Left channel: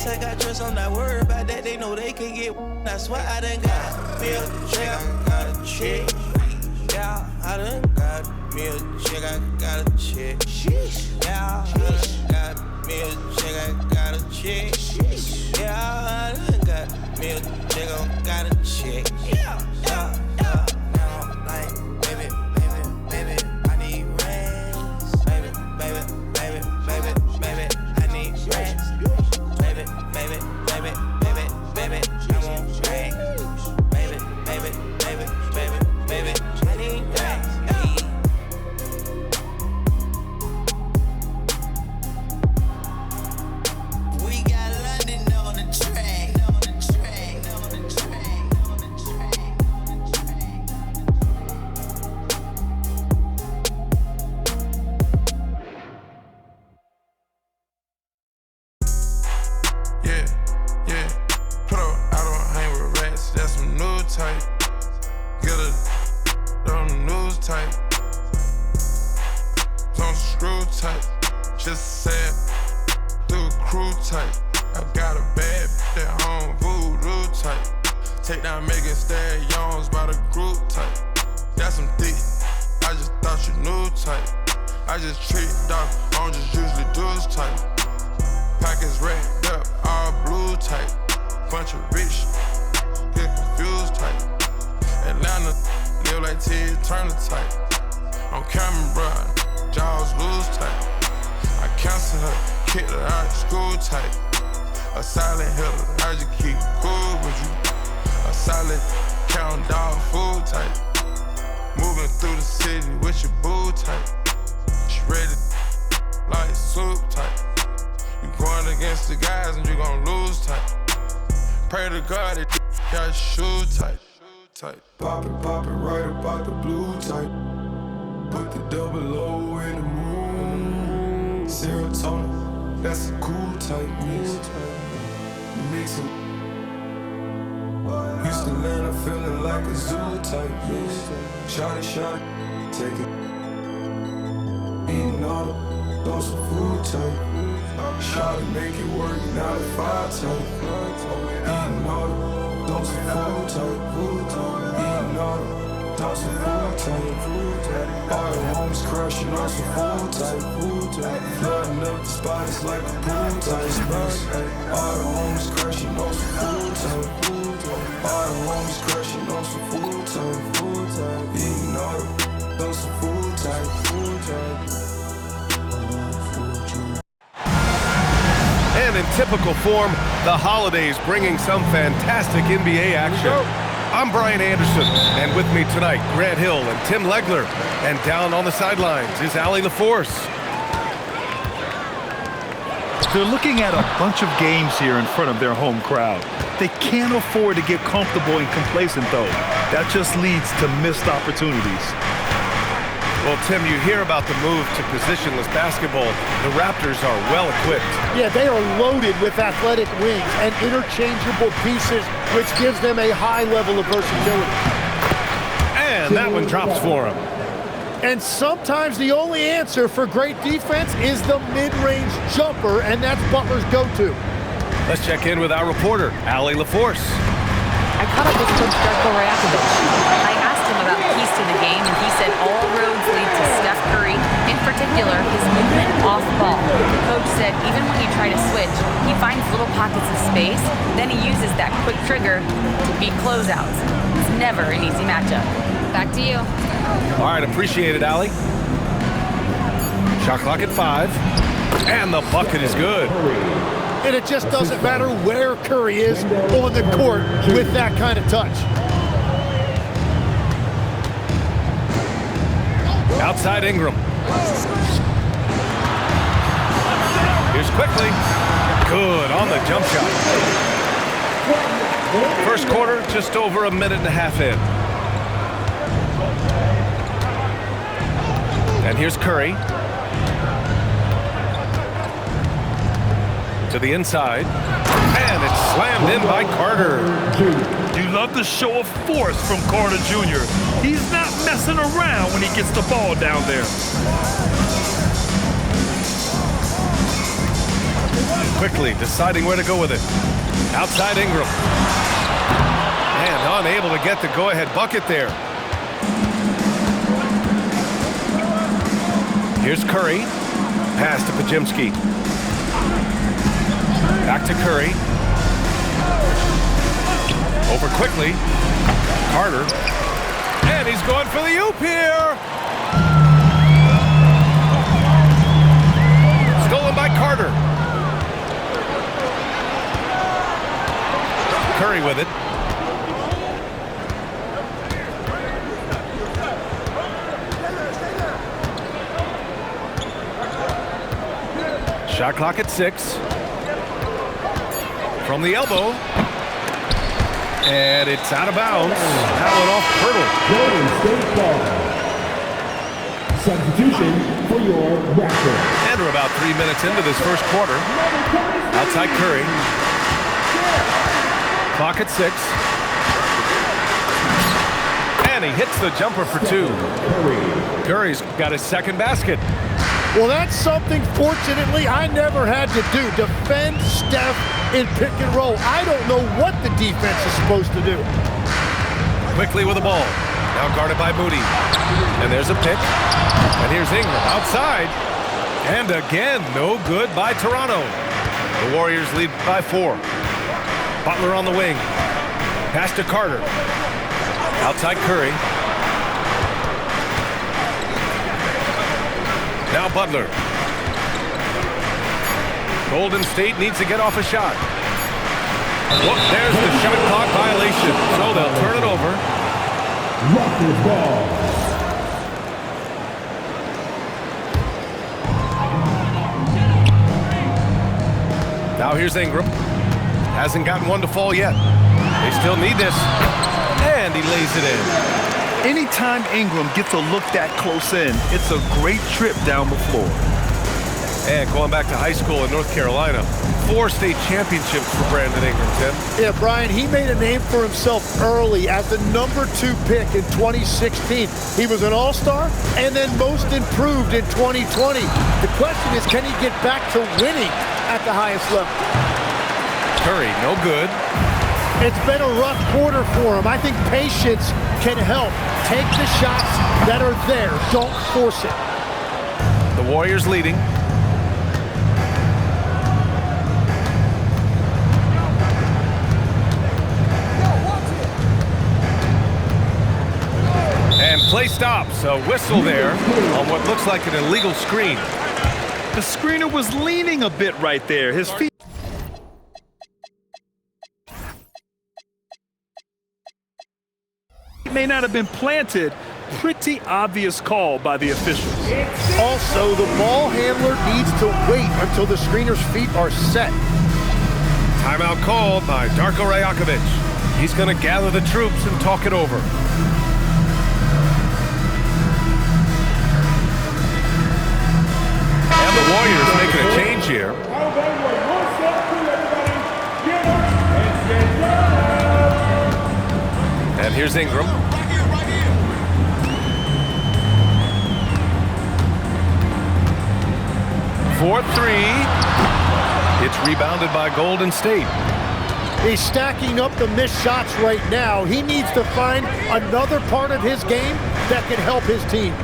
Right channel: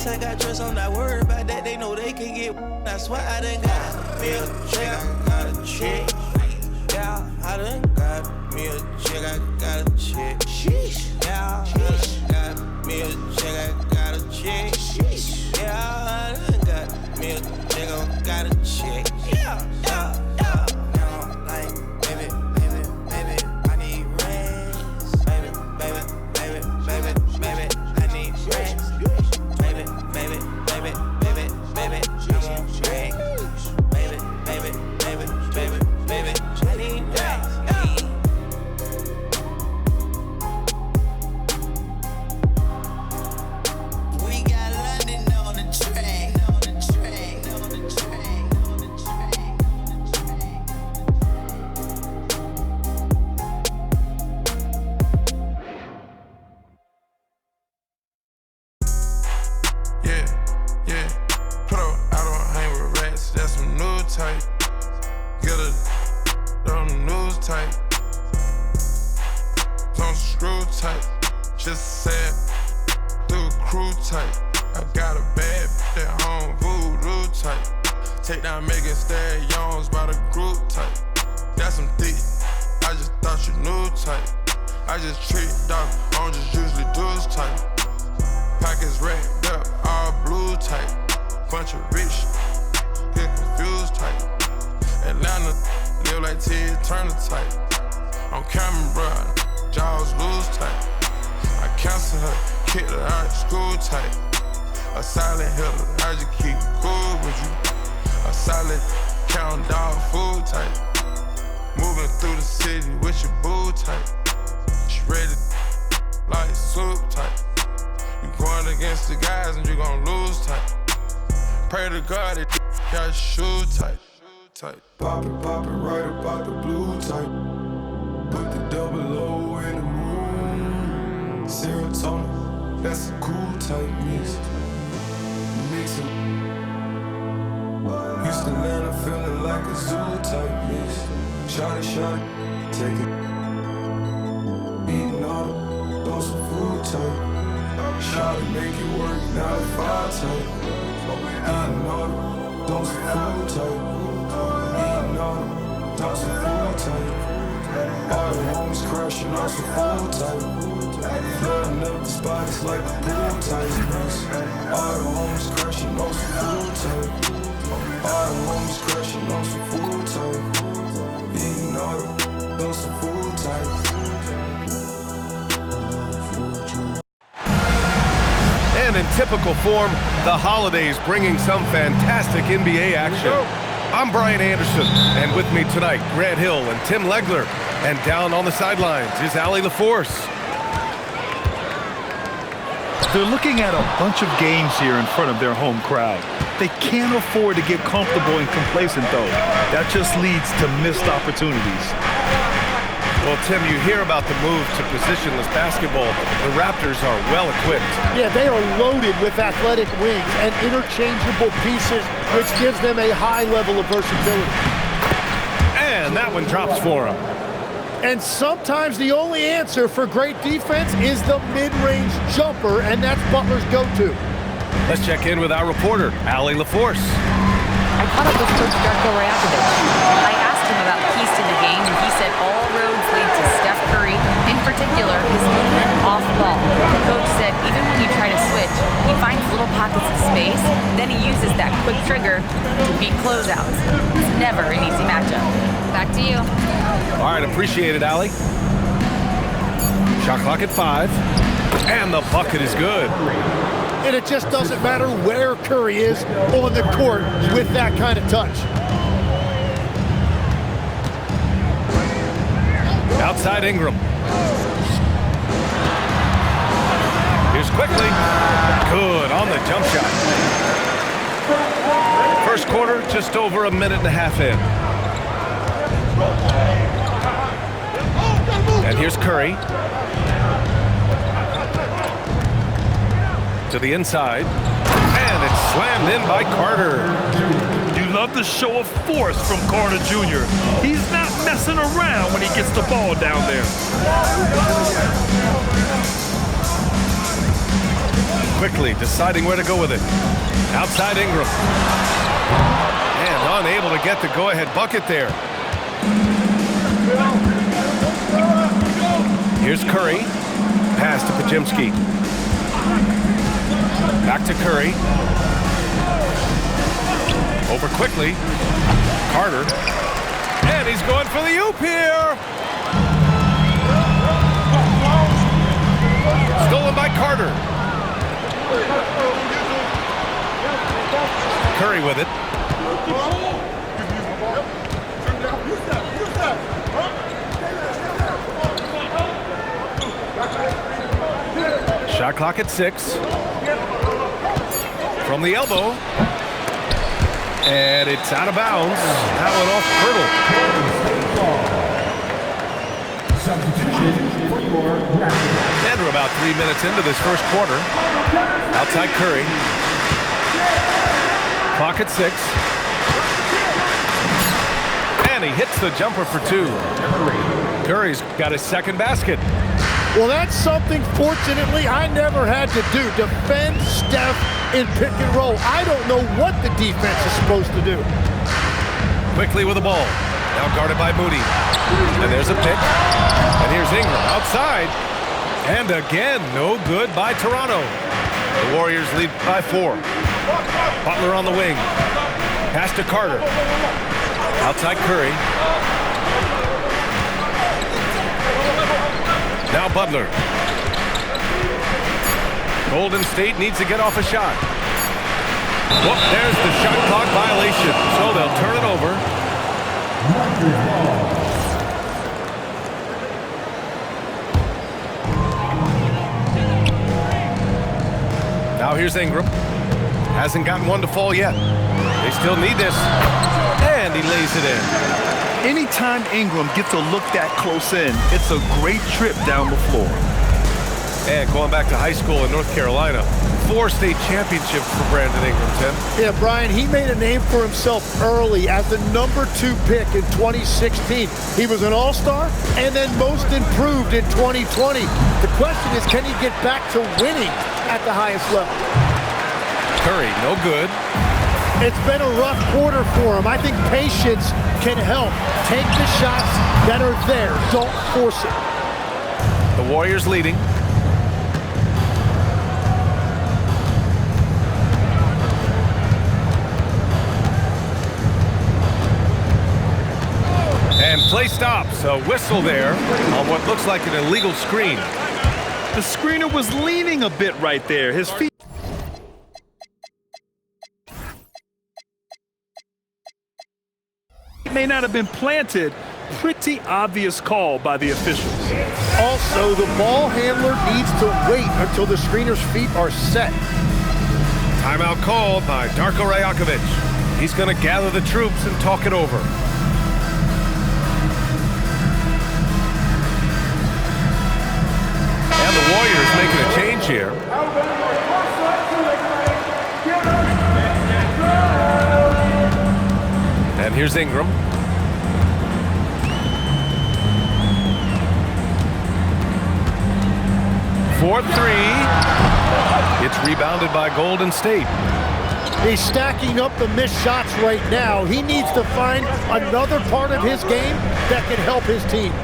Yes, I got trust, I'm not worried about that. They know they can get. I swear I done got me a check, I got a check. Yeah, I done got me a check, I got a check. Sheesh. Yeah, I done got me a check, I got a check. Sheesh. Yeah, I done got me a check, I got a check. Yeah, yeah, yeah. Now I'm like, baby, I need rest. Baby, I need rest. Baby, I want rest. Baby, I need rest. We got London on the track. Just said, through a crew type. I got a bad bitch at home, voodoo type. Take down Megan Stallions by the group type. That's some thick, I just thought you knew type. I just tricked off, I don't just usually do this type. Pockets wrapped up, all blue type. Bunch of rich, get confused type. Atlanta, live like Ted Turner type. On camera, bruh, jaws loose type. I cancel her, kick her out of school type. A silent hitter, I just keep cool with you. A solid count dog food type. Moving through the city with your boo type. She ready like soup type. You going against the guys and you gon' lose type. Pray to God that got your shoe type. Pop it right about the blue type. Put the double O in the moon. Serotonin, that's a cool type mix. Mix it. Houston, Atlanta, feeling like a zoo type mix. Shot it, take it. Eating all the those some food type. Shot it, make it work, 9 to 5 type. Eating all the those some food type. Eating all the those some food type. All the homies crashing on some food type. Flooding up the spot, it's like a pool type. All the homies crashing on some food type. All the homies crashing on some food type. Eating all the those some food type. And in typical form, the holidays bringing some fantastic NBA action. I'm Brian Anderson, and with me tonight, Grant Hill and Tim Legler. And down on the sidelines is Allie LaForce. They're looking at a bunch of games here in front of their home crowd. They can't afford to get comfortable and complacent, though. That just leads to missed opportunities. Well, Tim, you hear about the move to positionless basketball. The Raptors are well equipped. Yeah, they are loaded with athletic wings and interchangeable pieces, which gives them a high level of versatility. And that one drops for him. And sometimes the only answer for great defense is the mid-range jumper, and that's Butler's go-to. Let's check in with our reporter, Allie LaForce. I caught up with Coach Darko Rajakovic. I asked him about keys to the game, and he said all roads lead to Steph Curry, in particular his movement off ball. The coach said even when you try to switch, he finds little pockets of space, then he uses that quick trigger to beat closeouts. It's never an easy matchup. Back to you. All right, appreciate it, Allie. Shot clock at 5, and the bucket is good. And it just doesn't matter where Curry is on the court with that kind of touch. Outside Ingram. Here's quickly. Good on the jump shot. First quarter, just over a minute and a half in. And here's Curry. To the inside, and it's slammed in by Carter. You love the show of force from Carter Jr. He's not messing around when he gets the ball down there. quickly, deciding where to go with it. Outside Ingram. And unable to get the go-ahead bucket there. Here's Curry. Pass to Pajimski. Back to Curry. Over quickly. Carter. And he's going for the oop here. Stolen by Carter. Curry with it. Shot clock at 6. From the elbow. And it's out of bounds. That one off Hurdle. Substitution for your Raptors. And we're about 3 minutes into this first quarter. Outside Curry. Clock at 6. And he hits the jumper for 2. Curry's got his second basket. Well, that's something, fortunately, I never had to do. Defend Steph in pick and roll. I don't know what the defense is supposed to do. Quickly with the ball. Now guarded by Moody. And there's a pick. And here's Ingram outside. And again, no good by Toronto. The Warriors lead by 4. Butler on the wing. Pass to Carter. Outside Curry. Now Butler. Golden State needs to get off a shot. Whoop, there's the shot clock violation. So they'll turn it over. Raptors ball. Now here's Ingram. Hasn't gotten one to fall yet. They still need this. And he lays it in. Anytime Ingram gets a look that close in, it's a great trip down the floor. And going back to high school in North Carolina, 4 state championships for Brandon Ingram, Tim. Yeah, Brian, he made a name for himself early as the number 2 pick in 2016. He was an all-star and then most improved in 2020. The question is, can he get back to winning at the highest level? Curry, no good. It's been a rough quarter for him. I think patience can help. Take the shots that are there. Don't force it. The Warriors leading. And play stops. A whistle there on what looks like an illegal screen. The screener was leaning a bit right there. His feet may not have been planted. Pretty obvious call by the officials. Also, the ball handler needs to wait until the screener's feet are set. Timeout called by Darko Rajakovic. He's going to gather the troops and talk it over. And the Warriors making a change here. And here's Ingram. For 3. It's rebounded by Golden State. He's stacking up the missed shots right now. He needs to find another part of his game that can help his team.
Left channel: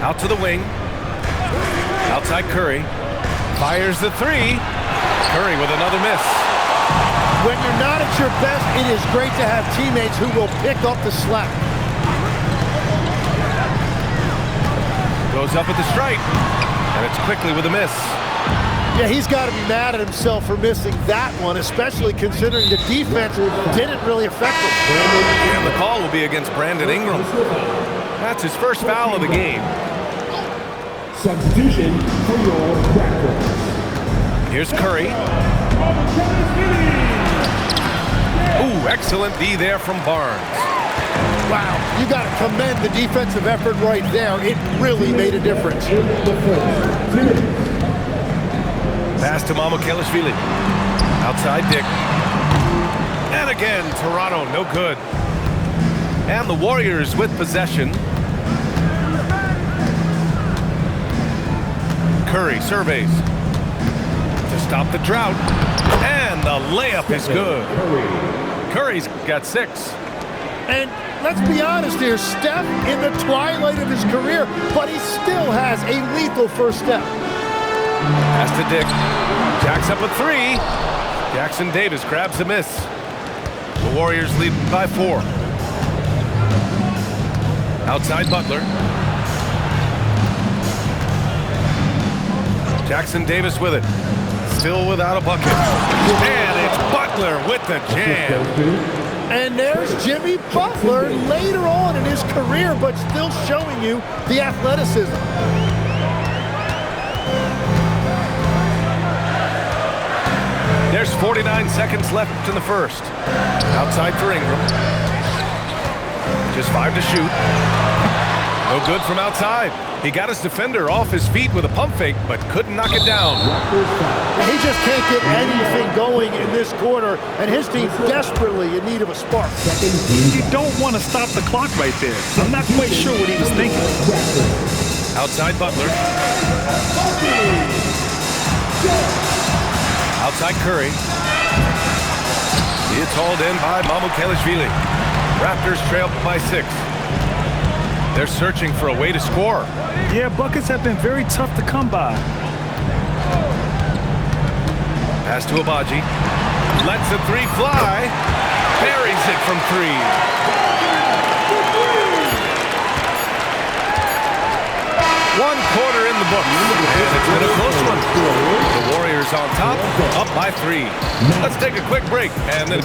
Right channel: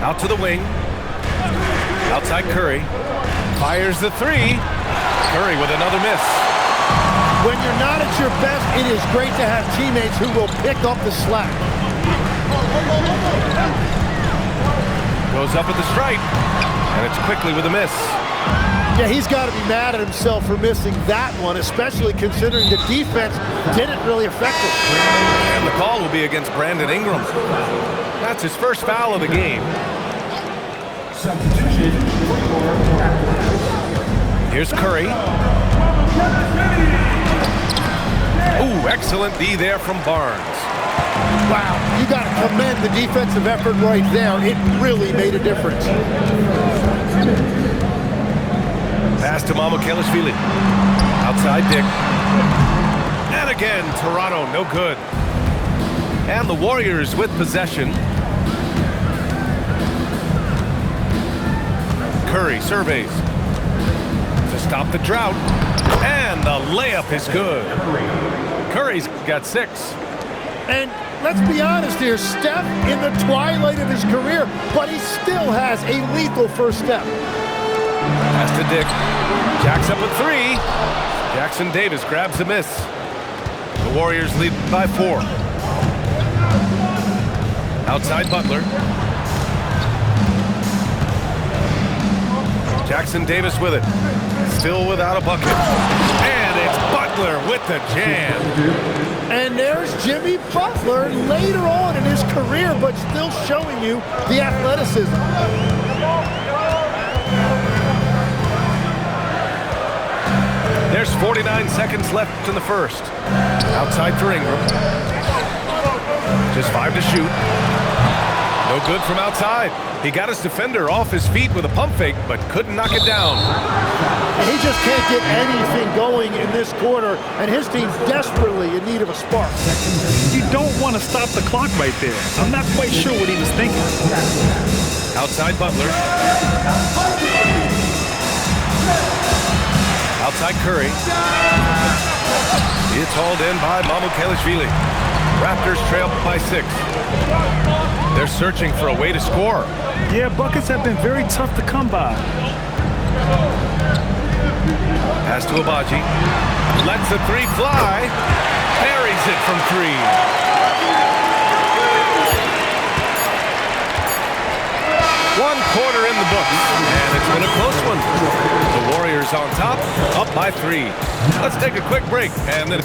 Out to the wing. Outside Curry. Fires the 3. Curry with another miss. When you're not at your best, it is great to have teammates who will pick up the slack. Goes up at the stripe. And it's quickly with a miss. Yeah, he's got to be mad at himself for missing that one, especially considering the defense didn't really affect him. And the call will be against Brandon Ingram. That's his first foul of the game. Substitution for your Raptors. Here's Curry. Ooh, excellent D there from Barnes. Wow, you got to commend the defensive effort right there. It really made a difference. Pass to Mamukelashvili. Outside Dick. And again, Toronto, no good. And the Warriors with possession. Curry surveys. To to stop the drought. And the layup is good. Curry's got 6. And let's be honest here, Steph in the twilight of his career, but he still has a lethal first step. Pass to Dick. Jacks up a 3. Jackson Davis grabs the miss. The Warriors lead by 4. Outside Butler. Jackson Davis with it. Still without a bucket. And it's Butler with the jam. And there's Jimmy Butler later on in his career, but still showing you the athleticism. There's 49 seconds left in the first. Outside for Ingram. Just 5 to shoot. No good from outside. He got his defender off his feet with a pump fake, but couldn't knock it down. He just can't get anything going in this quarter, and his team's desperately in need of a spark. You don't want to stop the clock right there. I'm not quite sure what he was thinking. Outside Butler. Outside Curry. It's hauled in by Mamukelashvili. Raptors trail by 6. They're searching for a way to score. Yeah, buckets have been very tough to come by. Pass to Abaji. Lets the 3 fly. Buries it from 3. One quarter in the books, and it's been a close one. The Warriors on top, up by 3. Let's take a quick break, and then...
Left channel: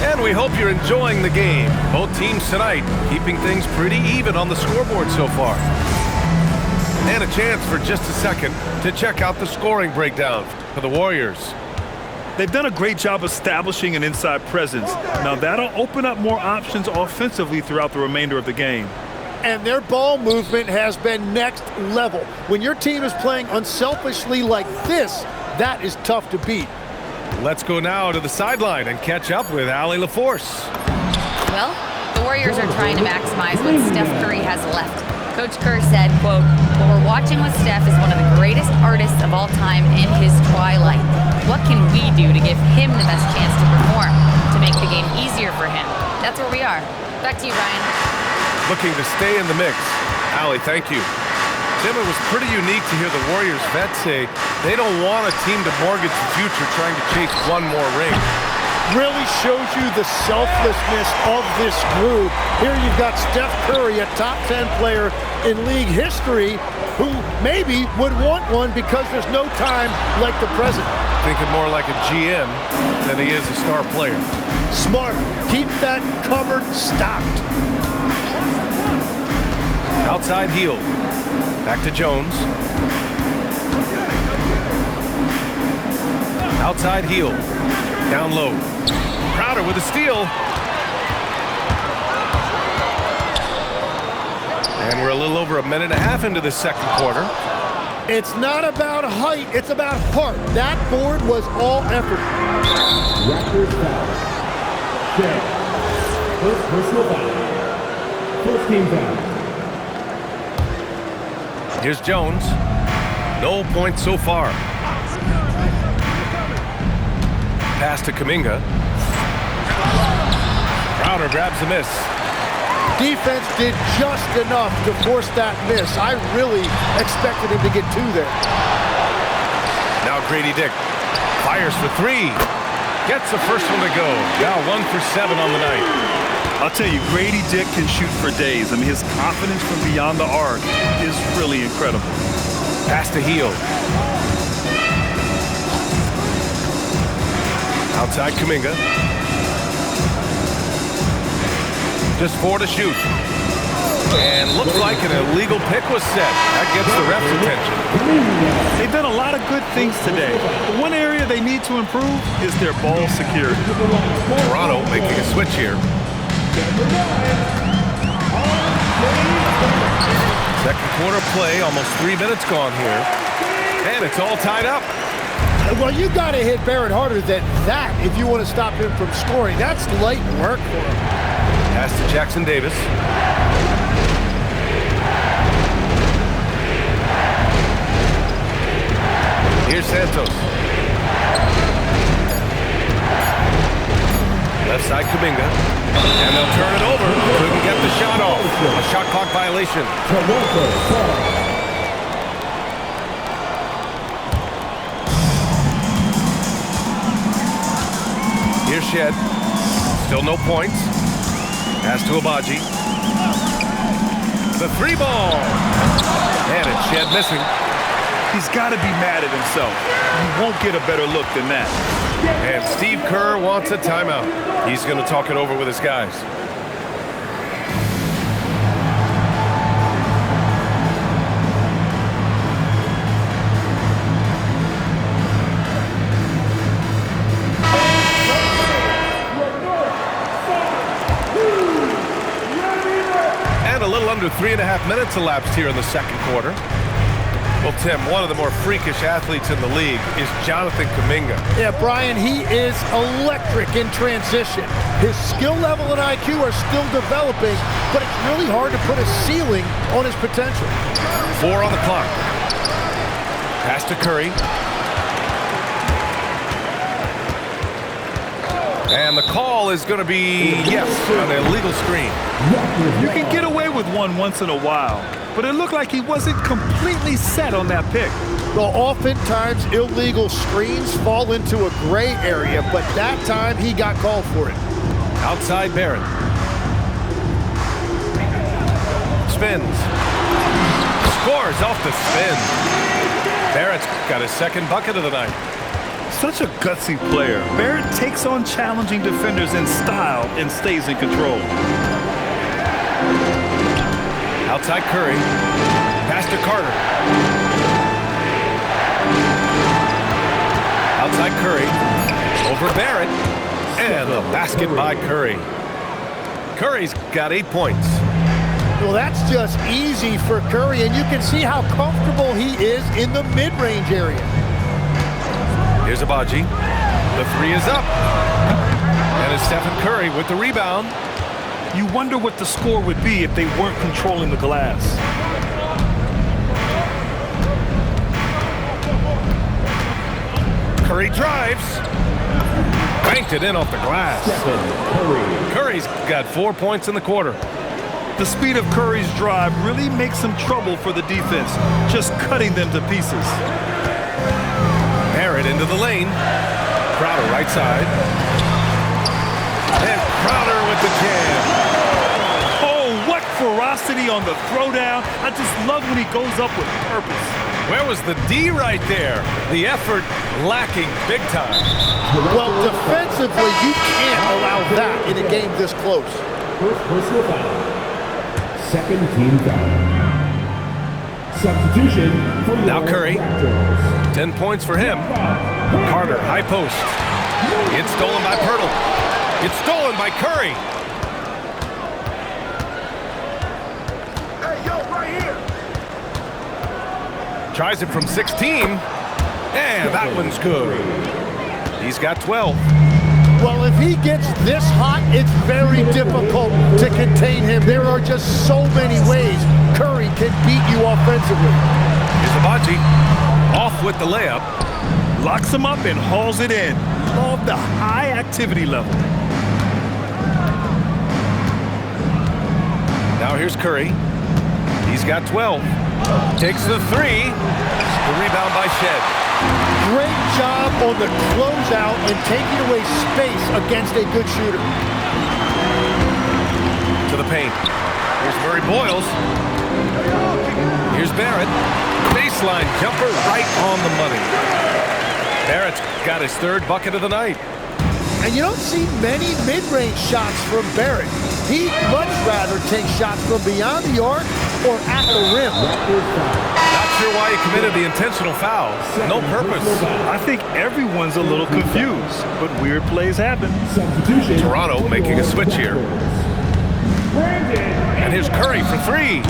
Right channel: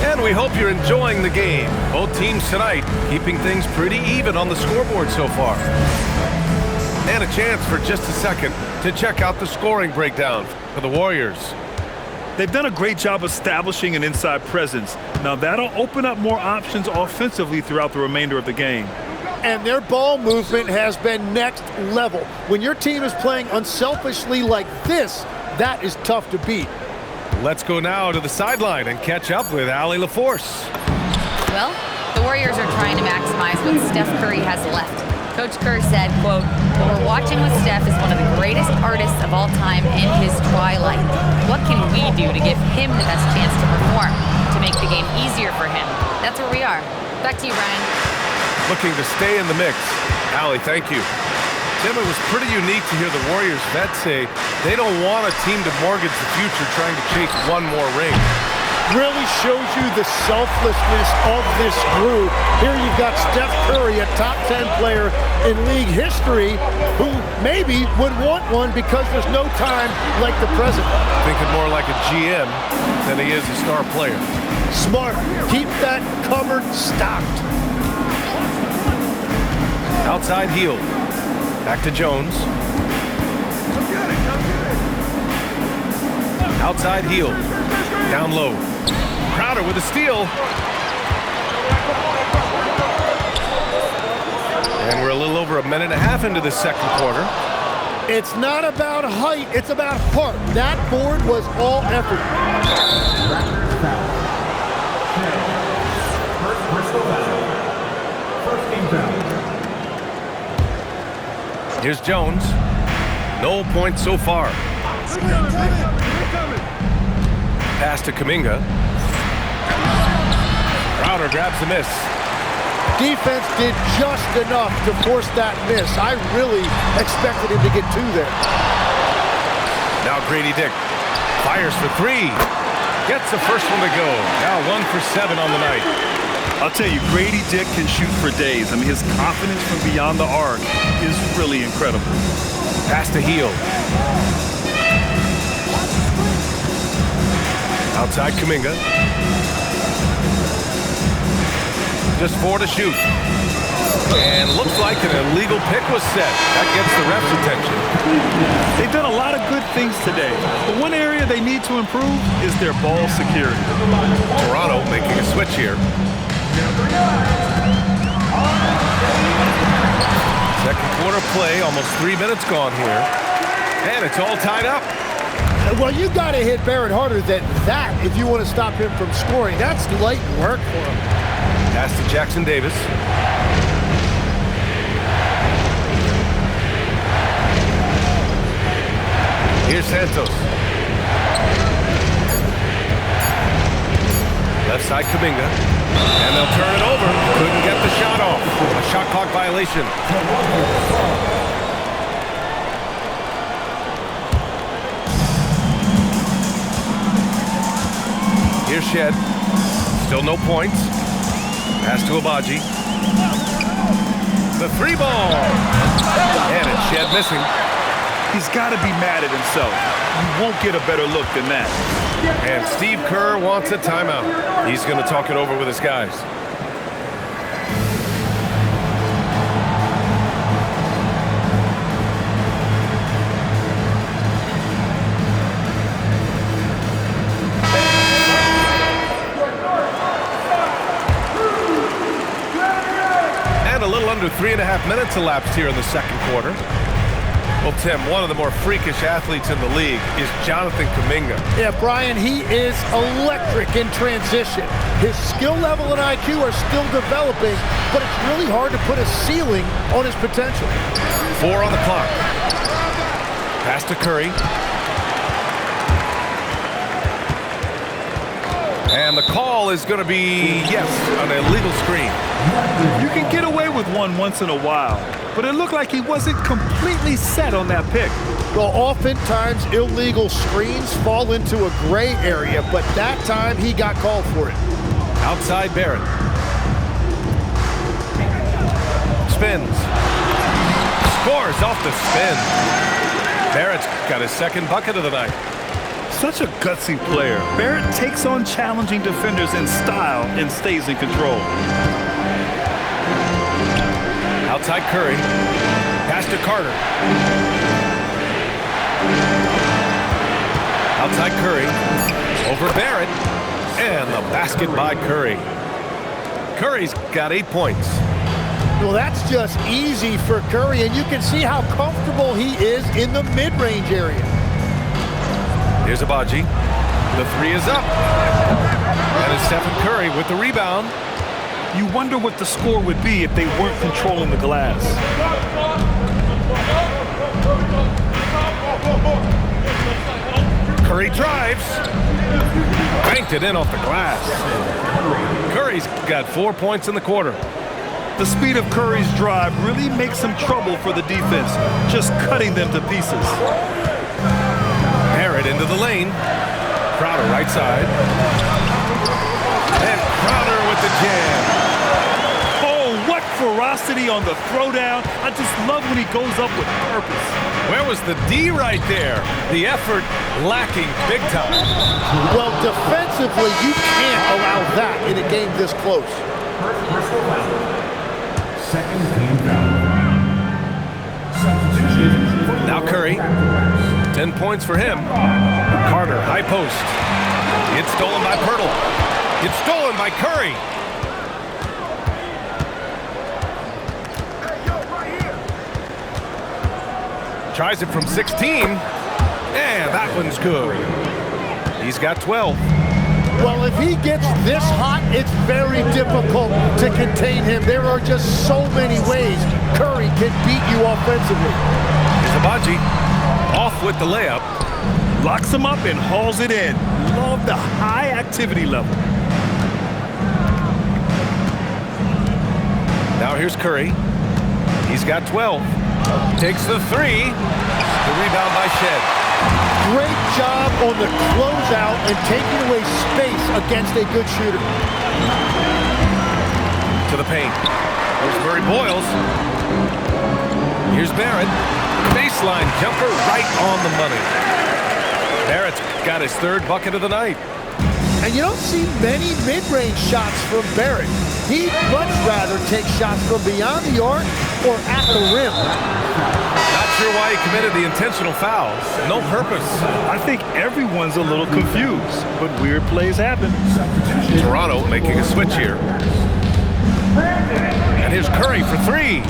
And we hope you're enjoying the game. Both teams tonight keeping things pretty even on the scoreboard so far. And a chance for just a second to check out the scoring breakdown for the Warriors. They've done a great job establishing an inside presence. Now that'll open up more options offensively throughout the remainder of the game. And their ball movement has been next level. When your team is playing unselfishly like this, that is tough to beat. Let's go now to the sideline and catch up with Allie LaForce. Well, the Warriors are trying to maximize what Steph Curry has left. Coach Kerr said, quote, "What we're watching with Steph is one of the greatest artists of all time in his twilight. What can we do to give him the best chance to perform, to make the game easier for him?" That's where we are. Back to you, Brian. Looking to stay in the mix. Allie, thank you. Tim, it was pretty unique to hear the Warriors vets say they don't want a team to mortgage the future trying to chase one more ring. Really shows you the selflessness of this group. Here you've got Steph Curry, a top 10 player in league history, who maybe would want one because there's no time like the present. Thinking more like a GM than he is a star player. Smart. Keep that cupboard stocked. Outside heel. Back to Jones. Outside heel. Down low. Crowder with a steal. And we're a little over a minute and a half into the second quarter. It's not about height, it's about heart. That board was all effort. Raptors foul. Shea. First personal foul. First team foul. Here's Jones. No points so far. Pass to Kuminga. Crowder grabs the miss. Defense did just enough to force that miss. I really expected him to get 2 there. Now Grady Dick fires for 3. Gets the first one to go. Now 1 for 7 on the night. I'll tell you, Grady Dick can shoot for days. I mean, his confidence from beyond the arc is really incredible. Pass to heel. Outside Kuminga. Just 4 to shoot. And looks like an illegal pick was set. That gets the ref's attention. They've done a lot of good things today. But one area they need to improve is their ball security. Toronto making a switch here. Second quarter play, almost 3 minutes gone here. And it's all tied up. Well, you got to hit Barrett harder than that if you want to stop him from scoring. That's light work for him. Pass to Jackson Davis. Here's Santos. Left side Kuminga. And they'll turn it over. Couldn't get the shot off. A shot clock violation. Here's Shed. Still no points. Pass to Abaji. The three ball. And it's Shed missing. He's got to be mad at himself. You won't get a better look than that. And Steve Kerr wants a timeout. He's going to talk it over with his guys. And a little under 3.5 minutes elapsed here in the second quarter. Well, Tim, one of the more freakish athletes in the league is Jonathan Kuminga. Yeah, Brian, he is electric in transition. His skill level and IQ are still developing, but it's really hard to put a ceiling on his potential. 4 on the clock. Pass to Curry. And the call is going to be, yes, an illegal screen. You can get away with one once in a while, but it looked like he wasn't completely set on that pick. Well, oftentimes illegal screens fall into a gray area, but that time he got called for it. Outside Barrett. Spins. Scores off the spin. Barrett's got his second bucket of the night. Such a gutsy player. Barrett takes on challenging defenders in style and stays in control. Outside Curry. Pass to Carter. Outside Curry. Over Barrett. And the basket by Curry. Curry's got 8 points. Well, that's just easy for Curry, and you can see how comfortable he is in the mid-range area. Here's Abaji. The three is up. And it's Stephen Curry with the rebound. You wonder what the score would be if they weren't controlling the glass. Curry drives. Banked it in off the glass. Curry's got 4 points in the quarter. The speed of Curry's drive really makes him trouble for the defense, just cutting them to pieces. Barrett into the lane. Crowder right side. And Crowder with the jam. Oh, what ferocity on the throwdown. I just love when he goes up with purpose. Where was the D right there? The effort lacking big time. Well, defensively, you can't allow that in a game this close. First personal foul. Second team foul. Substitution for the Now Curry. Raptors. 10 points for him. Carter, high post. It's stolen by Pirtle. It's stolen by Curry. Hey, yo, right here. Tries it from 16. And that one's good. He's got 12. Well, if he gets this hot, it's very difficult to contain him. There are just so many ways Curry can beat you offensively. Here's Abaji. Off with the layup. Locks him up and hauls it in. Love the high activity level. Now here's Curry. He's got 12. Takes the three. The rebound by Shed. Great job on the closeout and taking away space against a good shooter. To the paint. Here's Murray Boyles. Here's Barrett. Baseline jumper right on the money. Barrett's got his third bucket of the night. And you don't see many mid-range shots from Barrett. He'd much rather take shots from beyond the arc or at the rim. Not sure why he committed the intentional foul. No purpose. I think everyone's a little confused, but weird plays happen. Toronto making a switch here. And here's Curry for three.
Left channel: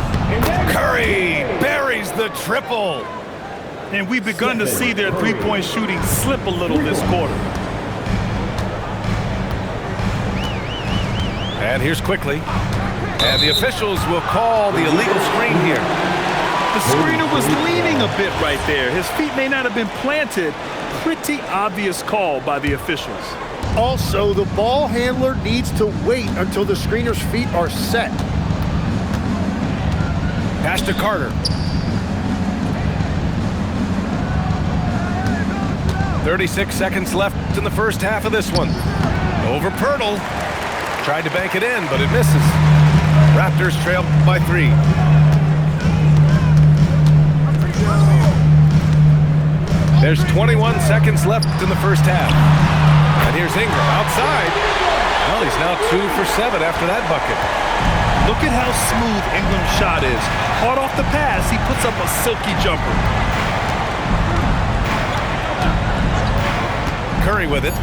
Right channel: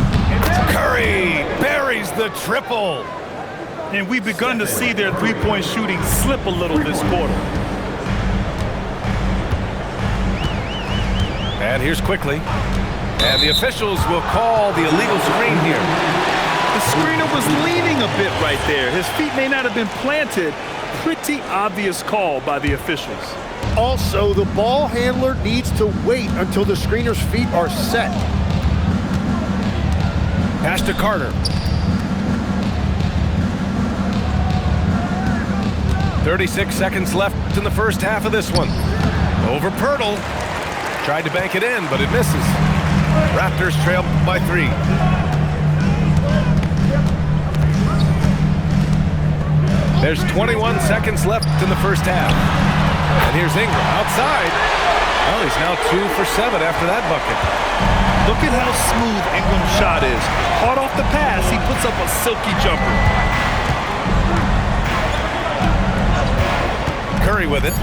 Curry buries the triple. And we've begun to see their three-point shooting slip a little this quarter. And here's Quickly. And the officials will call the illegal screen here. The The screener was leaning a bit right there. His feet may not have been planted. Pretty obvious call by the officials. Also, the ball handler needs to wait until the screener's feet are set. Pass to Carter. 36 seconds left in the first half of this one. Over Pirtle. Tried to bank it in, but it misses. Raptors trail by 3. There's 21 seconds left in the first half. And here's Ingram outside. Well, he's now 2 for 7 after that bucket. Look at how smooth Ingram's shot is. Hard off the pass, he puts up a silky jumper. Curry with it.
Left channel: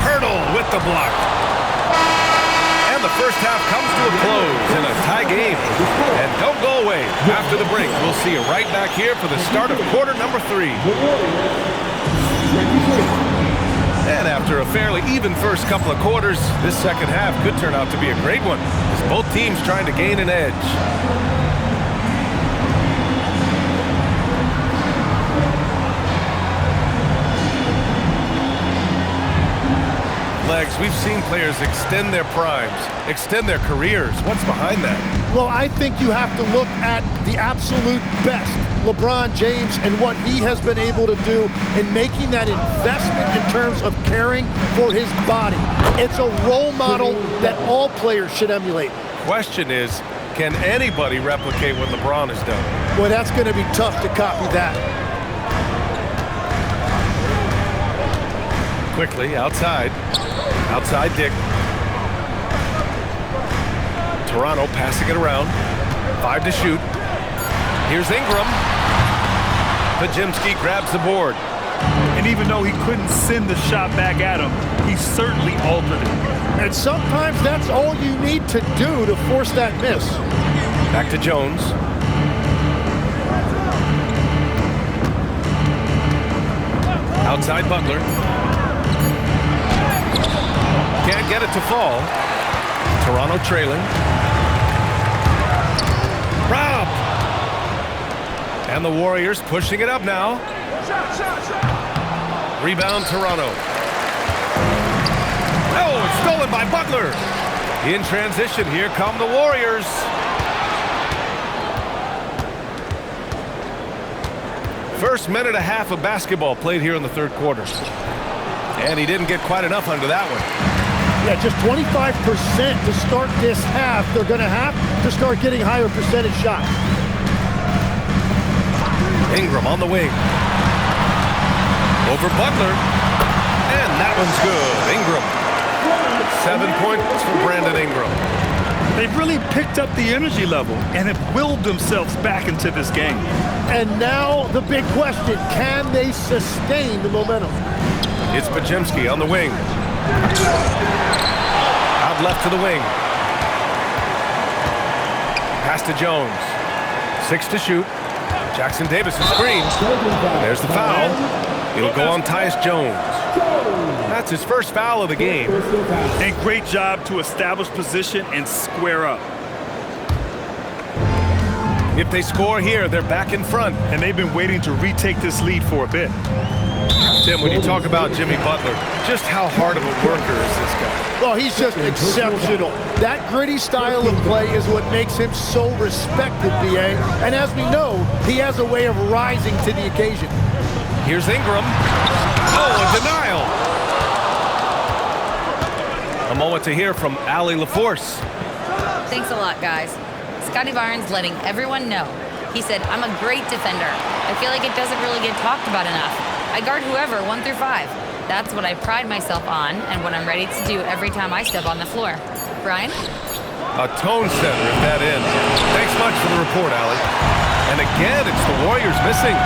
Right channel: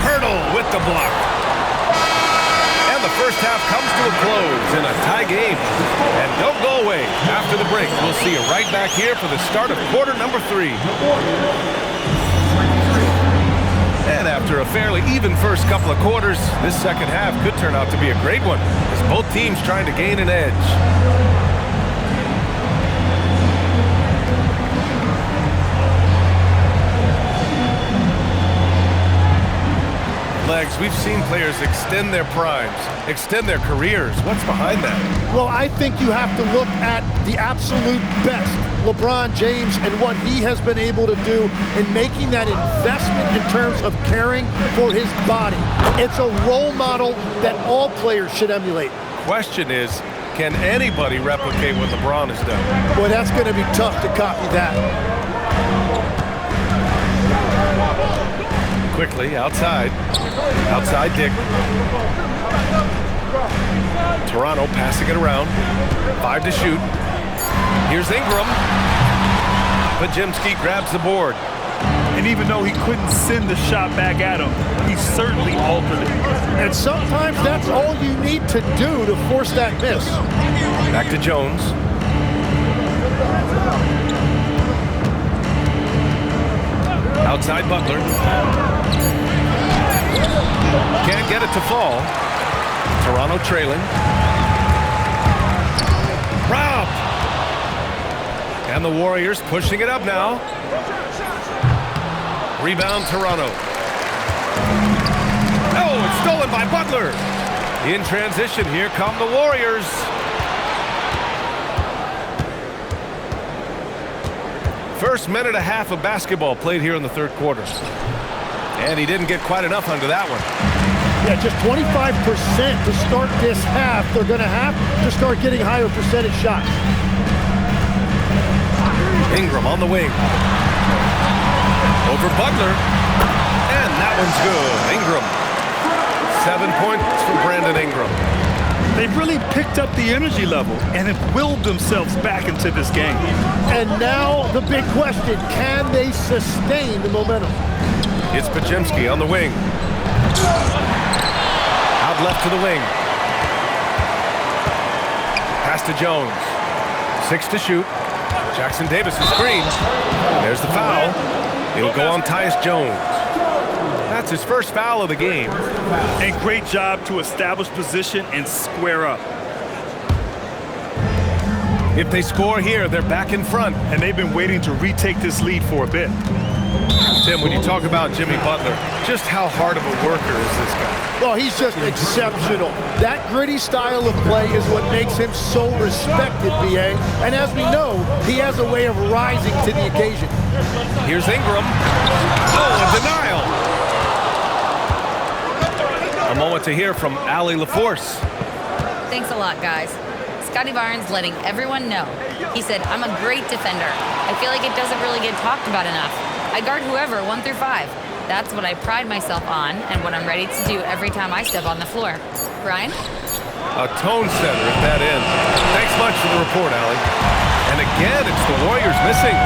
Pirtle with the block. And the first half comes to a close in a tie game. And don't go away. After the break, we'll see you right back here for the start of quarter number 3. And after a fairly even first couple of quarters, this second half could turn out to be a great one, as both teams trying to gain an edge. Legs, we've seen players extend their primes, extend their careers. What's behind that? Well, I think you have to look at the absolute best, LeBron James, and what he has been able to do in making that investment in terms of caring for his body. It's a role model that all players should emulate. Question is, can anybody replicate what LeBron has done? Well, that's going to be tough to copy that. Quickly, outside. Outside Dick. Toronto passing it around. 5 to shoot. Here's Ingram. Pajemski grabs the board. And even though he couldn't send the shot back at him, he certainly altered it. And sometimes that's all you need to do to force that miss. Back to Jones. Outside Butler. Can't get it to fall. Toronto trailing. Rob! And the Warriors pushing it up now. Rebound Toronto. Oh, it's stolen by Butler. In transition, here come the Warriors. First minute and a half of basketball played here in the third quarter. And he didn't get quite enough under that one. Yeah, just 25% to start this half. They're going to have to start getting higher percentage shots. Ingram on the wing. Over Butler. And that one's good. Ingram. 7 points for Brandon Ingram. They've really picked up the energy level and have willed themselves back into this game. And now the big question, can they sustain the momentum? It's Pajemski on the wing. Out left to the wing. Pass to Jones. 6 to shoot. Jackson Davis is screen. And there's the foul. It'll go on Tyus Jones. That's his first foul of the game. And great job to establish position and square up. If they score here, they're back in front. And they've been waiting to retake this lead for a bit. Tim, when you talk about Jimmy Butler, just how hard of a worker is this guy? Well, he's just exceptional. That gritty style of play is what makes him so respected, BA. And as we know, he has a way of rising to the occasion. Here's Ingram. Oh, a denial. A moment to hear from Allie LaForce. Thanks a lot, guys. Scotty Barnes letting everyone know. He said, I'm a great defender. I feel like it doesn't really get talked about enough. I guard whoever, 1 through 5. That's what I pride myself on and what I'm ready to do every time I step on the floor. Brian? A tone setter at that end. Thanks much for the report, Allie. And again, it's the Warriors missing.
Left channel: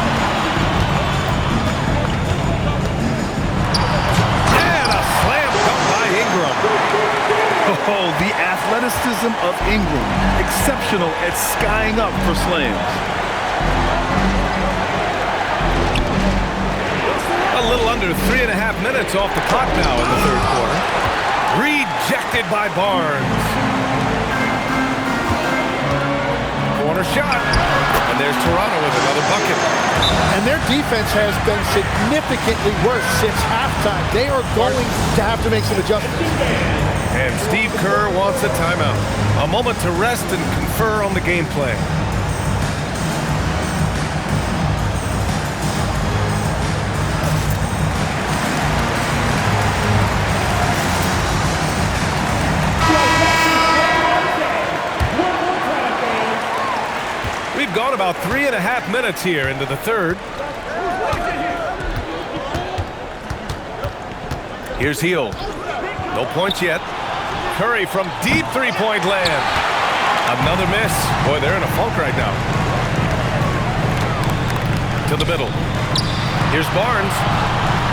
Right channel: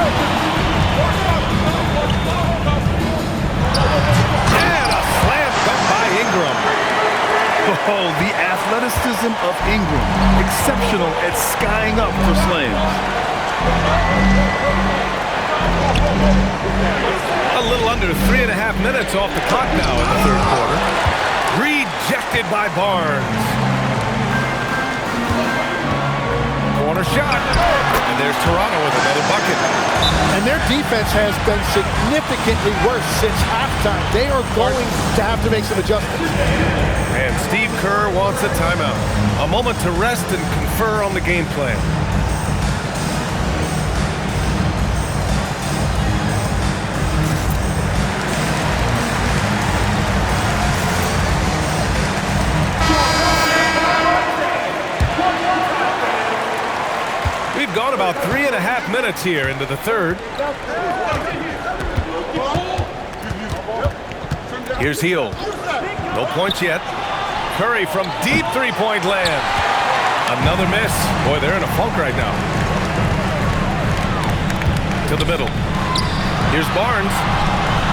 And a slam dunk by Ingram. Oh, the athleticism of Ingram. Exceptional at skying up for slams. A little under 3.5 minutes off the clock now in the third quarter. Rejected by Barnes. Corner shot. And there's Toronto with another bucket. And their defense has been significantly worse since halftime. They are going to have to make some adjustments. And Steve Kerr wants a timeout. A moment to rest and confer on the game plan. We've gone about 3.5 minutes here into the third. Here's Hield. No points yet. Curry from deep three-point land. Another miss. Boy, they're in a funk right now. To the middle. Here's Barnes.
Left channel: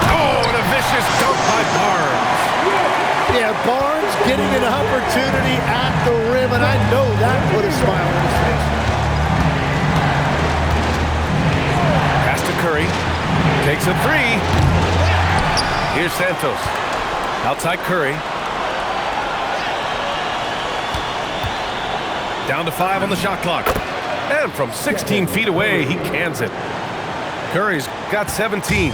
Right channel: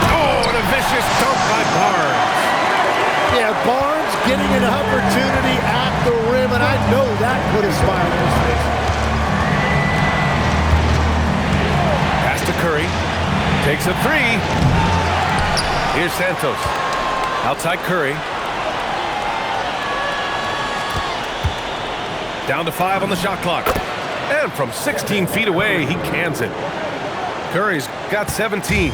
Oh, and a vicious dunk by Barnes. Yeah, Barnes getting an opportunity at the rim, and I know that put a smile on his face. Pass to Curry. Takes a three. Here's Santos. Outside Curry. Down to 5 on the shot clock. And from 16 feet away, he cans it. Curry's got 17.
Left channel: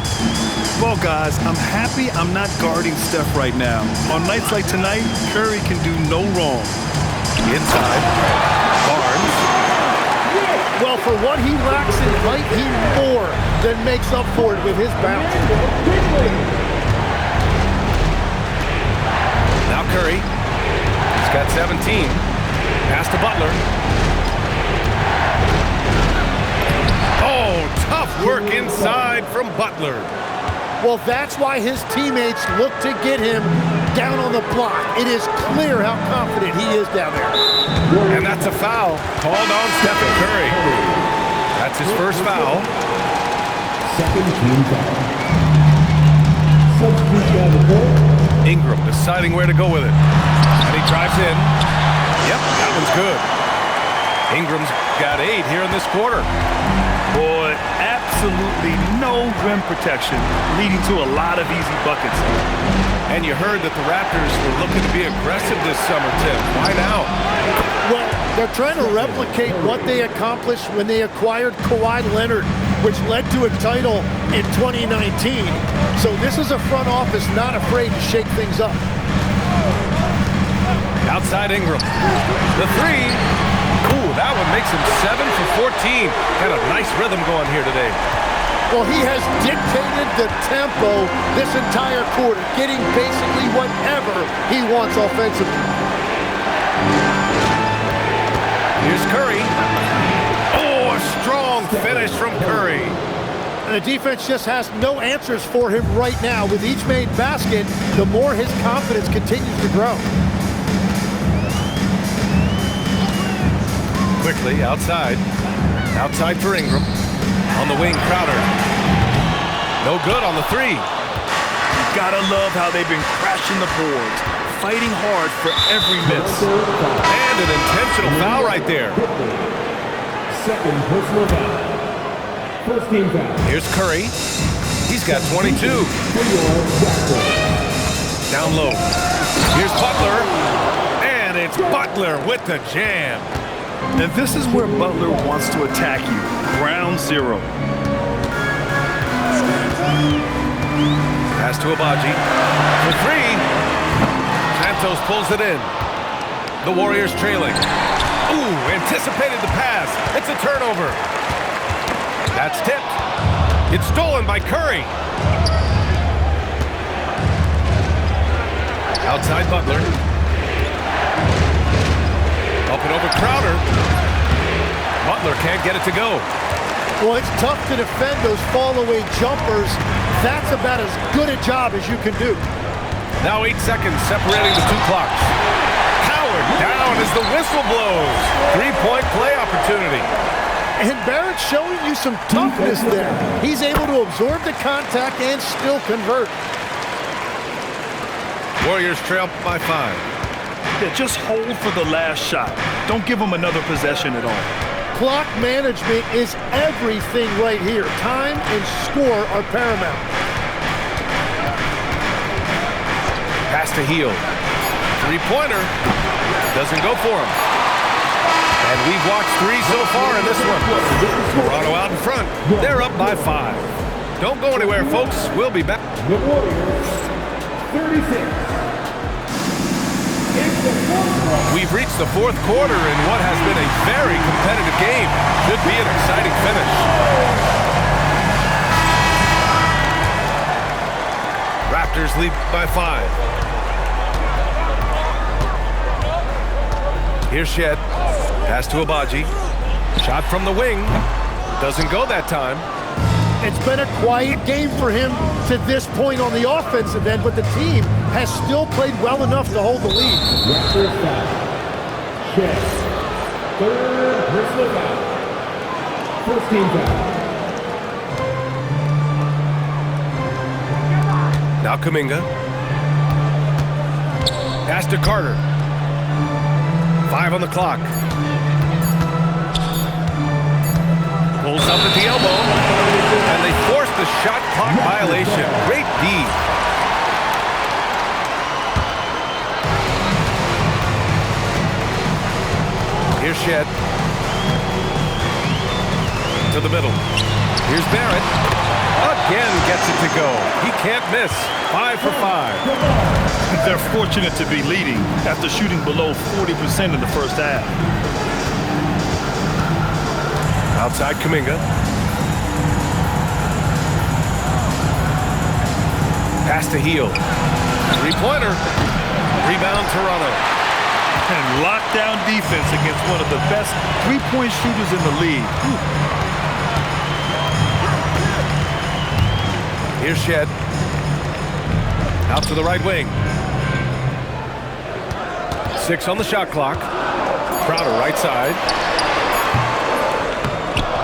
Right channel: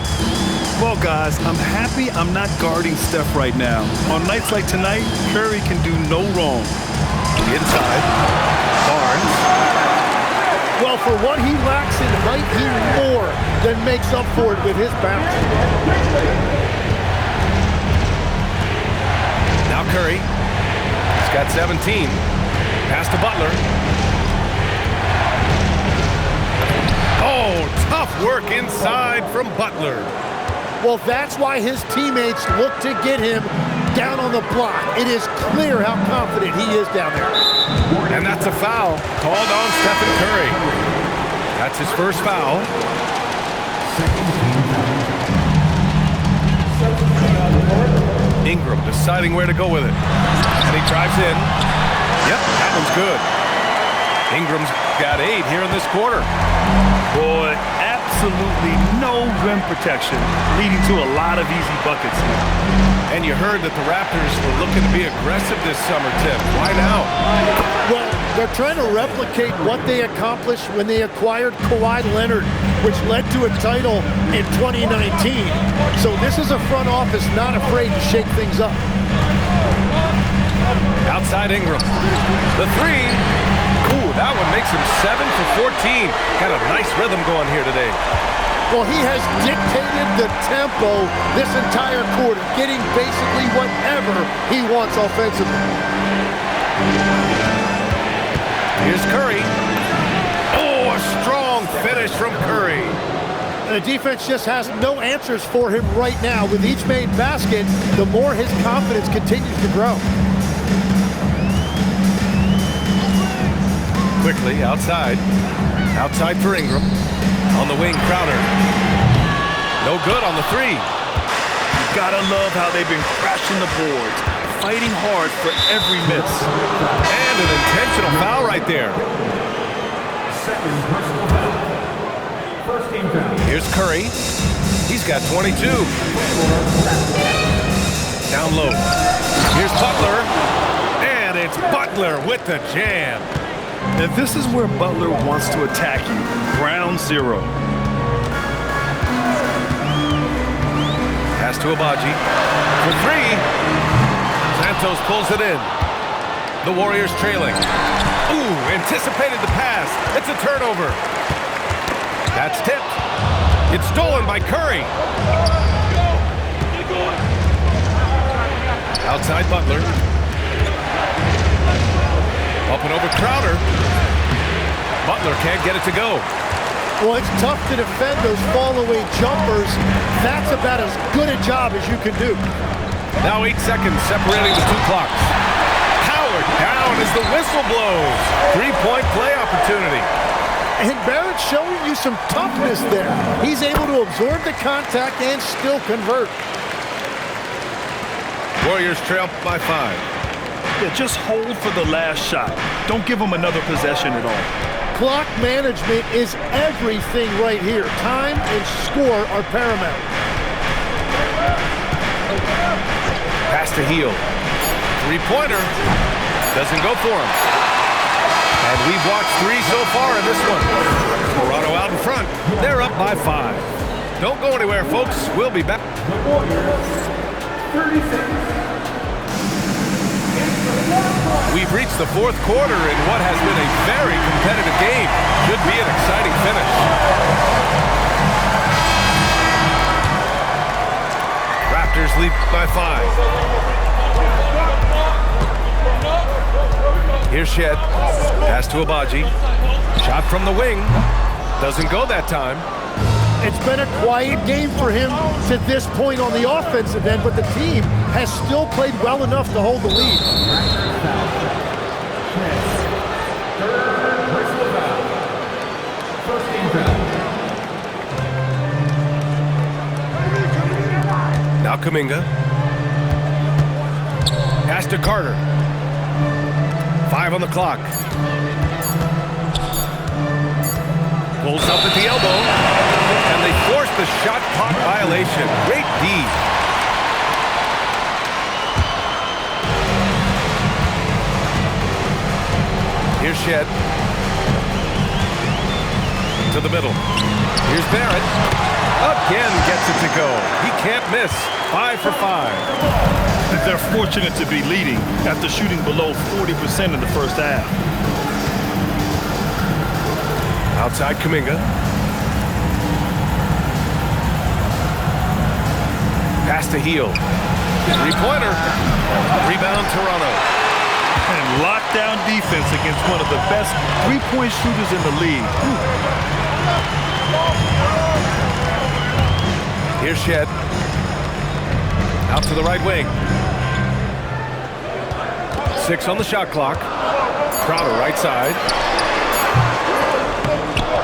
Well, guys, I'm happy I'm not guarding Steph right now. On nights like tonight, Curry can do no wrong. Inside. Barnes. Well, for what he lacks in height, he more than makes up for it with his bounce. Now Curry. He's got 17. Pass to Butler. Oh, tough work inside from Butler. Well, that's why his teammates look to get him down on the block. It is clear how confident he is down there. And that's a foul called on Stephen Curry. That's his first foul. Second team foul. Substitute on the court. Ingram deciding where to go with it. And he drives in. Yep, that one's good. Ingram's got 8 here in this quarter. Boy, absolutely no rim protection, leading to a lot of easy buckets here. And you heard that the Raptors were looking to be aggressive this summer, Tim. Why now? Well, they're trying to replicate what they accomplished when they acquired Kawhi Leonard, which led to a title in 2019. So this is a front office not afraid to shake things up. Outside Ingram. The three. Ooh, that one makes him 7 for 14. Got a nice rhythm going here today. Well, he has dictated the tempo this entire quarter, getting basically whatever he wants offensively. Here's Curry. Oh, a strong finish from Curry. And the defense just has no answers for him right now. With each made basket, the more his confidence continues to grow. Quickly, outside. Outside for Ingram. On the wing, Crowder. No good on the three. You gotta love how they've been crashing the boards, fighting hard for every miss. And an intentional foul right there. Second personal foul. First team foul. Here's Curry. He's got 22. Down low. Here's Butler. And it's Butler with the jam. And this is where Butler wants to attack you. Ground zero. Pass to Abaji. For three. Santos pulls it in. The Warriors trailing. Ooh, anticipated the pass. It's a turnover. That's tipped. It's stolen by Curry. Outside Butler. Up and over Crowder. Butler can't get it to go. Well, it's tough to defend those fall-away jumpers. That's about as good a job as you can do. Now 8 seconds separating the two clocks. Howard down as the whistle blows. 3-point play opportunity. And Barrett's showing you some toughness there. He's able to absorb the contact and still convert. Warriors trail by 5. Yeah, just hold for the last shot. Don't give them another possession at all. Clock management is everything right here. Time and score are paramount. Pass to Hield. Three-pointer. Doesn't go for him. And we've watched 3 so far in this one. Toronto out in front. They're up by 5. Don't go anywhere, folks. We'll be back. The Warriors, 36. We've reached the 4th quarter in what has been a very competitive game. Should be an exciting finish. Raptors lead by 5. Here's Shed. Pass to Abaji. Shot from the wing. Doesn't go that time. It's been a quiet game for him to this point on the offensive end, but the team has still played well enough to hold the lead. Raptors foul. Shed. 3rd personal foul. 1st team foul. Now Kuminga. Pass to Carter. 5 on the clock. Pulls up at the elbow. And they force the shot clock violation. Great D. Here's Shed. To the middle. Here's Barrett. Again gets it to go. He can't miss. 5 for 5. They're fortunate to be leading after shooting below 40% in the first half. Outside Kuminga. Pass to Heel. 3-pointer. Rebound Toronto. And lockdown defense against one of the best three-point shooters in the league. Here's Shed. Out to the right wing. 6 on the shot clock. Crowder right side.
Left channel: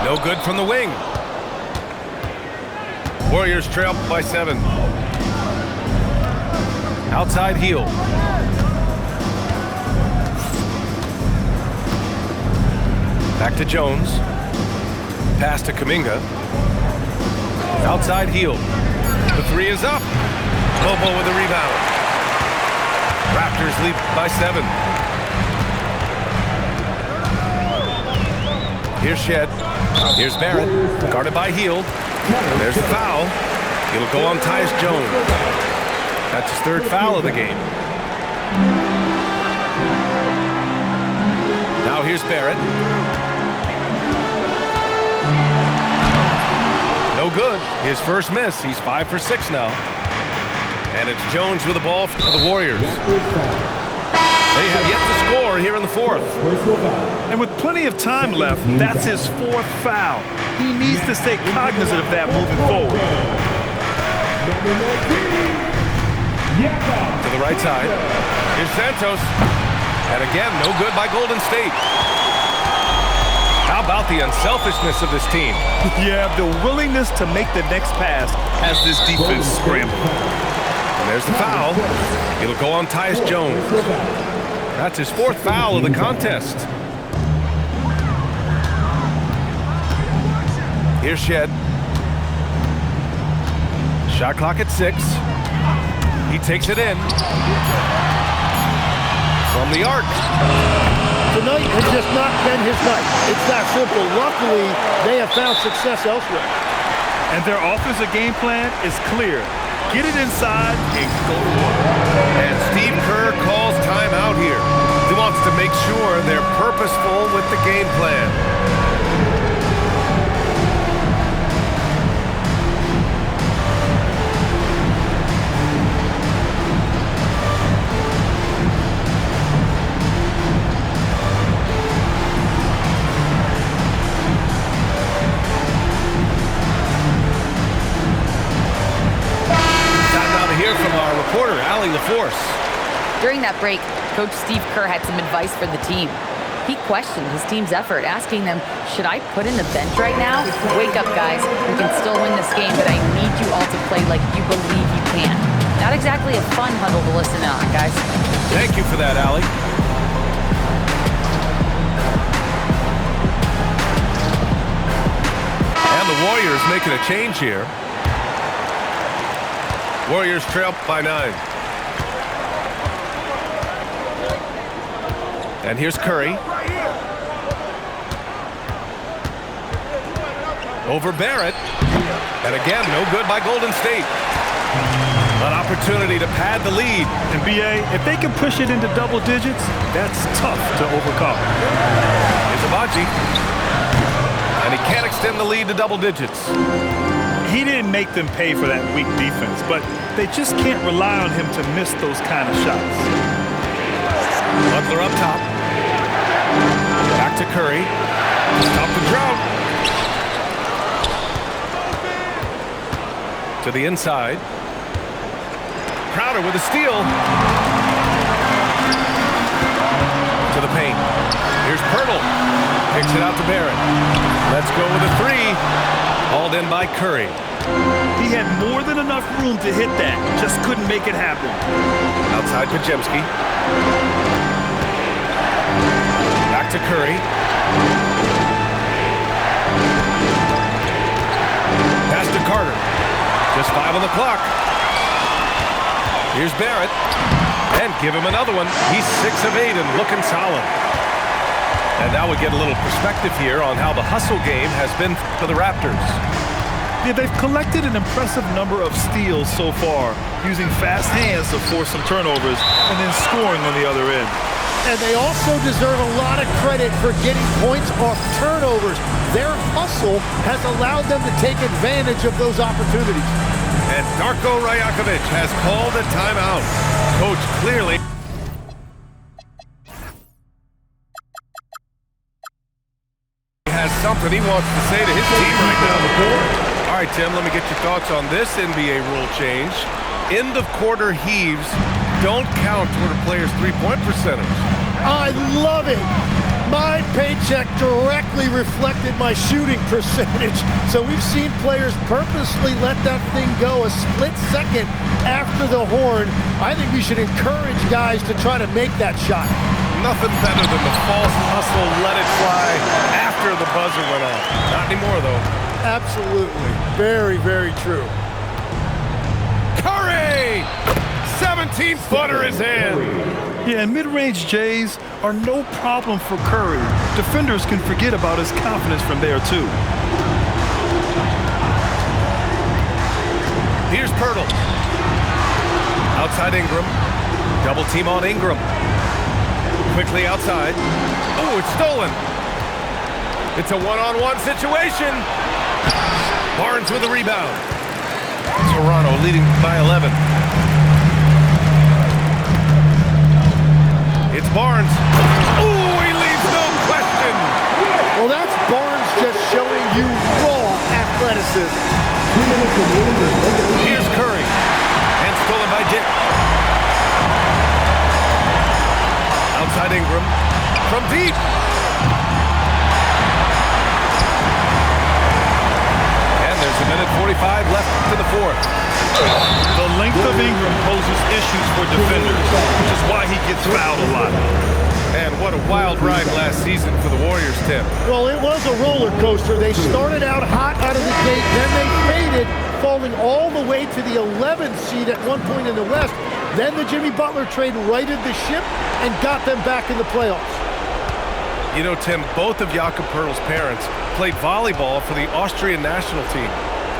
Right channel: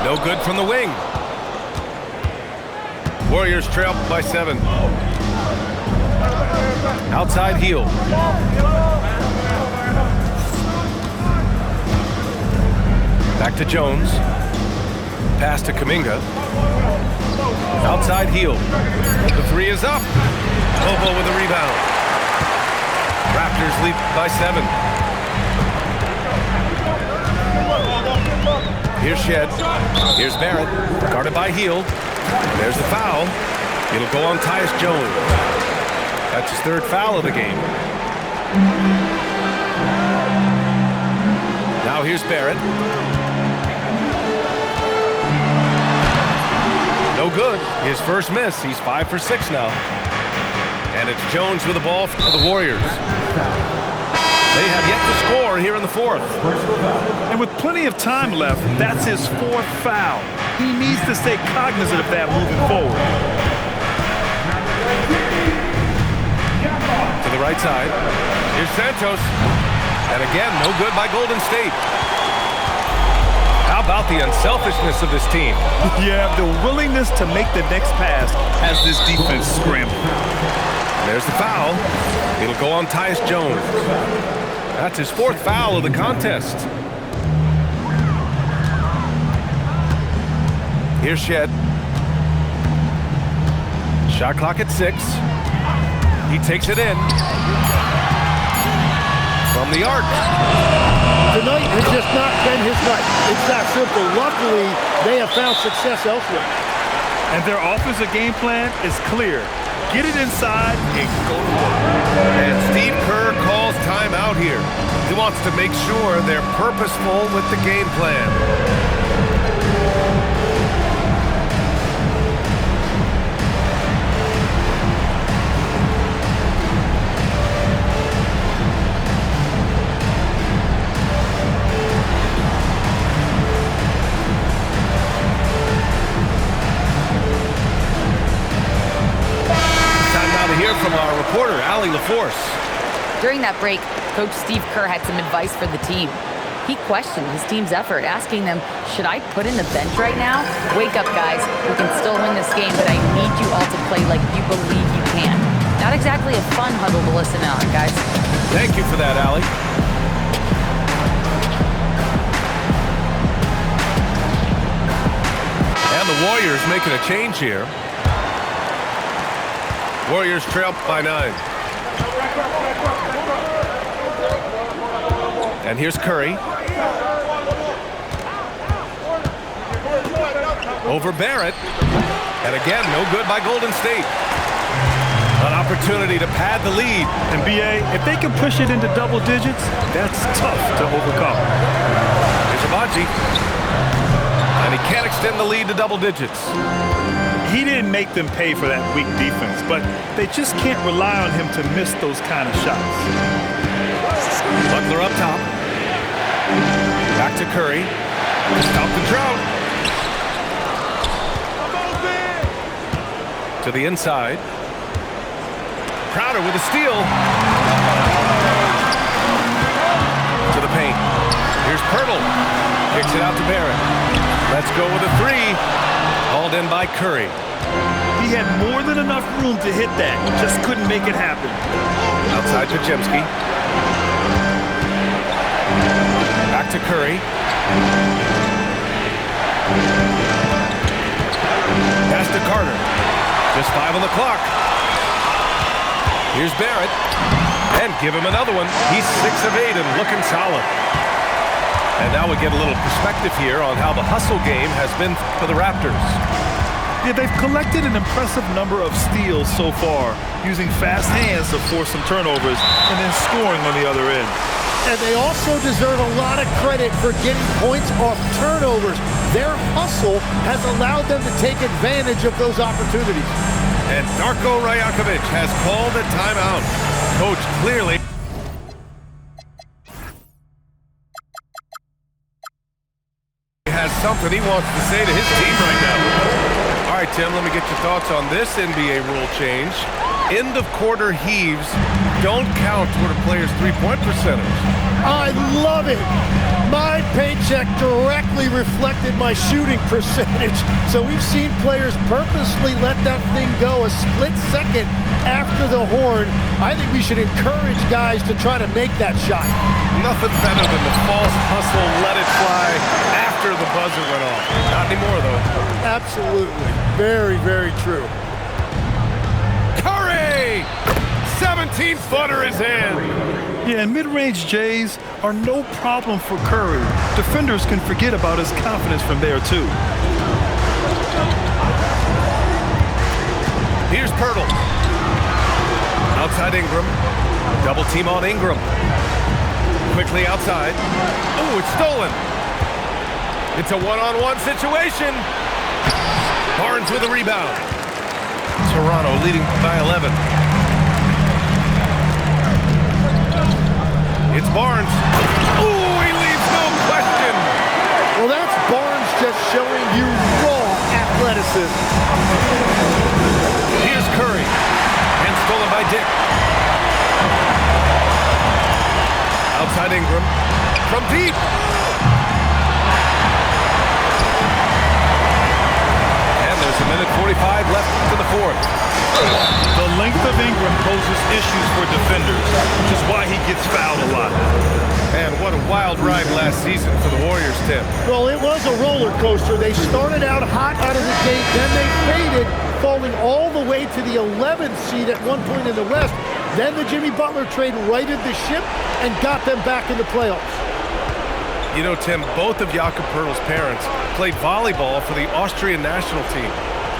No good from the wing. Warriors trail by 7. Outside Heel. Back to Jones. Pass to Kuminga. Outside Heel. The 3 is up. Bobo with a rebound. Raptors lead by 7. Here's Shed. Here's Barrett. Guarded by Heel. And there's the foul. It'll go on Tyus Jones. That's his 3rd foul of the game. Now here's Barrett. No good. His first miss. He's 5 for 6 now. And it's Jones with the ball for the Warriors. They have yet to score here in the 4th. And with plenty of time left, that's his 4th foul. He needs to stay cognizant of that moving forward. To the right side. Here's Santos. And again, no good by Golden State. How about the unselfishness of this team? Yeah, the willingness to make the next pass as this defense scrambles. And there's the foul. It'll go on Tyus Jones. That's his 4th foul of the contest. Here's Shed. Shot clock at 6. He takes it in. From the arc. Tonight has just not been his night. It's that simple. Luckily, they have found success elsewhere. And their offensive game plan is clear. Get it inside and go to work. And Steve Kerr calls timeout here. He wants to make sure they're purposeful with the game plan. To hear from our reporter, Allie LaForce. During that break, Coach Steve Kerr had some advice for the team. He questioned his team's effort, asking them, should I put in the bench right now? Wake up, guys. We can still win this game, but I need you all to play like you believe you can. Not exactly a fun huddle to listen on, guys. Thank you for that, Allie. And the Warriors making a change here. Warriors trail by 9. And here's Curry. Over Barrett. And again, no good by Golden State. An opportunity to pad the lead. And BA, if they can push it into double digits, that's tough to overcome. Here's Abaji. And he can't extend the lead to double digits. He didn't make them pay for that weak defense, but they just can't rely on him to miss those kind of shots. Butler up top. Back to Curry. To stop the drought. To the inside. Crowder with a steal. To the paint. Here's Pirtle. Kicks it out to Barrett. Let's go with a three. Hauled in by Curry. He had more than enough room to hit that. Just couldn't make it happen. Outside Pajemski. Back to Curry. Pass to Carter. Just 5 on the clock. Here's Barrett. And give him another one. He's 6 of 8 and looking solid. And now we get a little perspective here on how the hustle game has been for the Raptors. Yeah, they've collected an impressive number of steals so far, using fast hands to force some turnovers and then scoring on the other end. And they also deserve a lot of credit for getting points off turnovers. Their hustle has allowed them to take advantage of those opportunities. And Darko Rajakovic has called a timeout. Coach clearly has something he wants to say to his team right now. All right, Tim, let me get your thoughts on this NBA rule change. End of quarter heaves don't count toward a player's three-point percentage. I love it. My paycheck directly reflected my shooting percentage. So we've seen players purposely let that thing go a split second after the horn. I think we should encourage guys to try to make that shot. Nothing better than the false hustle, let it fly after the buzzer went off. Not anymore, though. Absolutely. Very, very true. Curry! 17-footer is in. Yeah, and mid-range Jays are no problem for Curry. Defenders can forget about his confidence from there, too. Here's Pirtle. Outside Ingram. Double team on Ingram. Quickly outside. Oh, it's stolen. It's a one-on-one situation. Barnes with a rebound. Toronto leading by 11. It's Barnes. Oh, he leaves no question. Well, that's Barnes just showing you raw athleticism. Here's Curry. And stolen by Dick. Outside Ingram. From deep. And there's a minute 45 left to the fourth. The length of Ingram poses issues for defenders, which is why he gets fouled a lot. And what a wild ride last season for the Warriors, Tim. Well, it was a roller coaster. They started out hot out of the gate, then they faded, falling all the way to the 11th seed at one point in the West. Then the Jimmy Butler trade righted the ship and got them back in the playoffs. You know, Tim, both of Jakob Poeltl's parents played volleyball for the Austrian national team.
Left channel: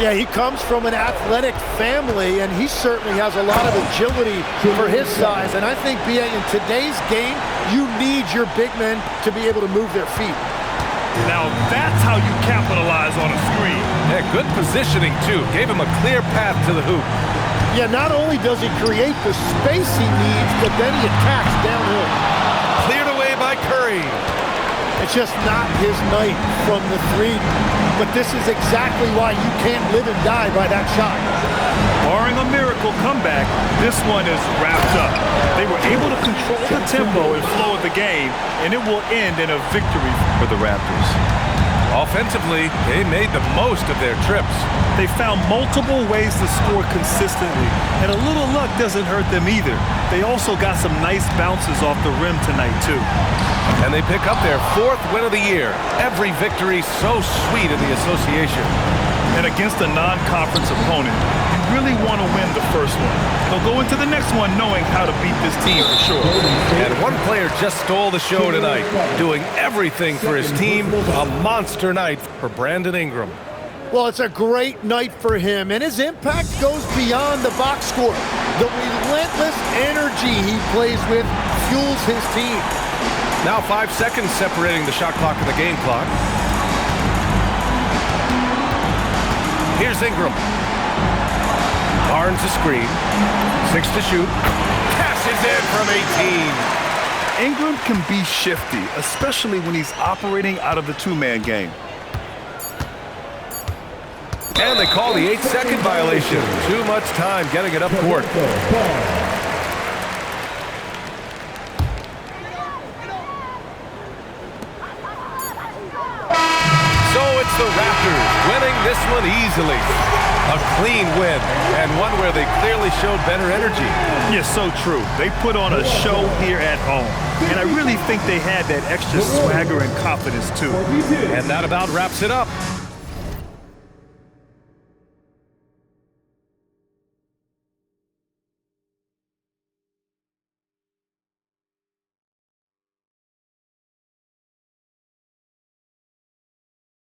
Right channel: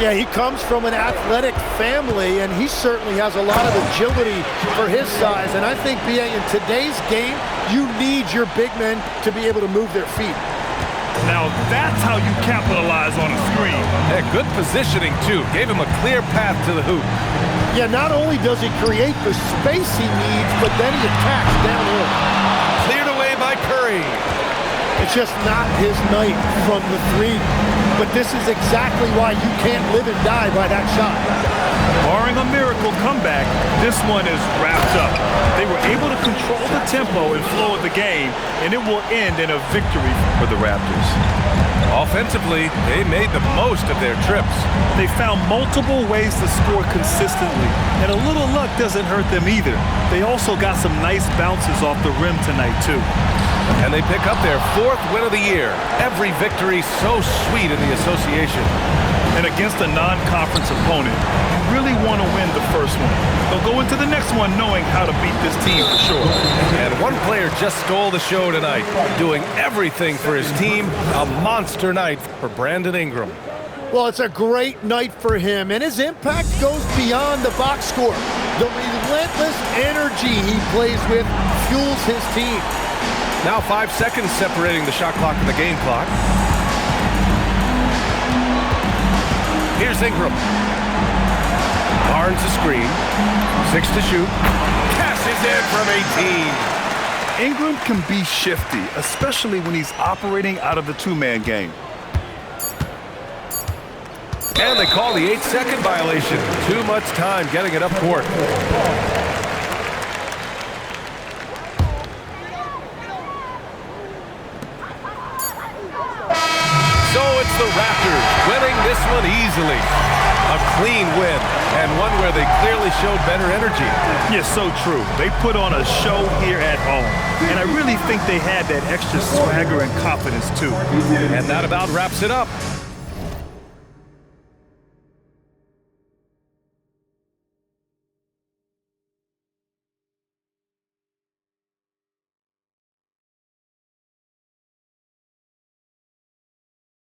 Yeah, he comes from an athletic family, and he certainly has a lot of agility for his size. And I think, BA, in today's game, you need your big men to be able to move their feet. Now that's how you capitalize on a screen. Yeah, good positioning, too. Gave him a clear path to the hoop. Yeah, not only does he create the space he needs, but then he attacks downhill. Cleared away by Curry. It's just not his night from the three. But this is exactly why you can't live and die by that shot. Barring a miracle comeback, this one is wrapped up. They were able to control the tempo and flow of the game, and it will end in a victory for the Raptors. Offensively, they made the most of their trips. They found multiple ways to score consistently, and a little luck doesn't hurt them either. They also got some nice bounces off the rim tonight, too. And they pick up their 4th win of the year. Every victory so sweet in the association. And against a non-conference opponent, you really want to win the first one. They'll go into the next one knowing how to beat this team for sure. And one player just stole the show tonight, doing everything for his team. A monster night for Brandon Ingram. Well, it's a great night for him, and his impact goes beyond the box score. The relentless energy he plays with fuels his team. Now 5 seconds separating the shot clock and the game clock. Here's Ingram. Barnes the screen. 6 to shoot. Cashes in from 18. Ingram can be shifty, especially when he's operating out of the two-man game. And they call the 8-second violation. Too much time getting it up court. So it's the Raptors winning this one easily. A clean win, and one where they clearly showed better energy. Yeah, so true. They put on a show here at home, and I really think they had that extra swagger and confidence too. And that about wraps it up.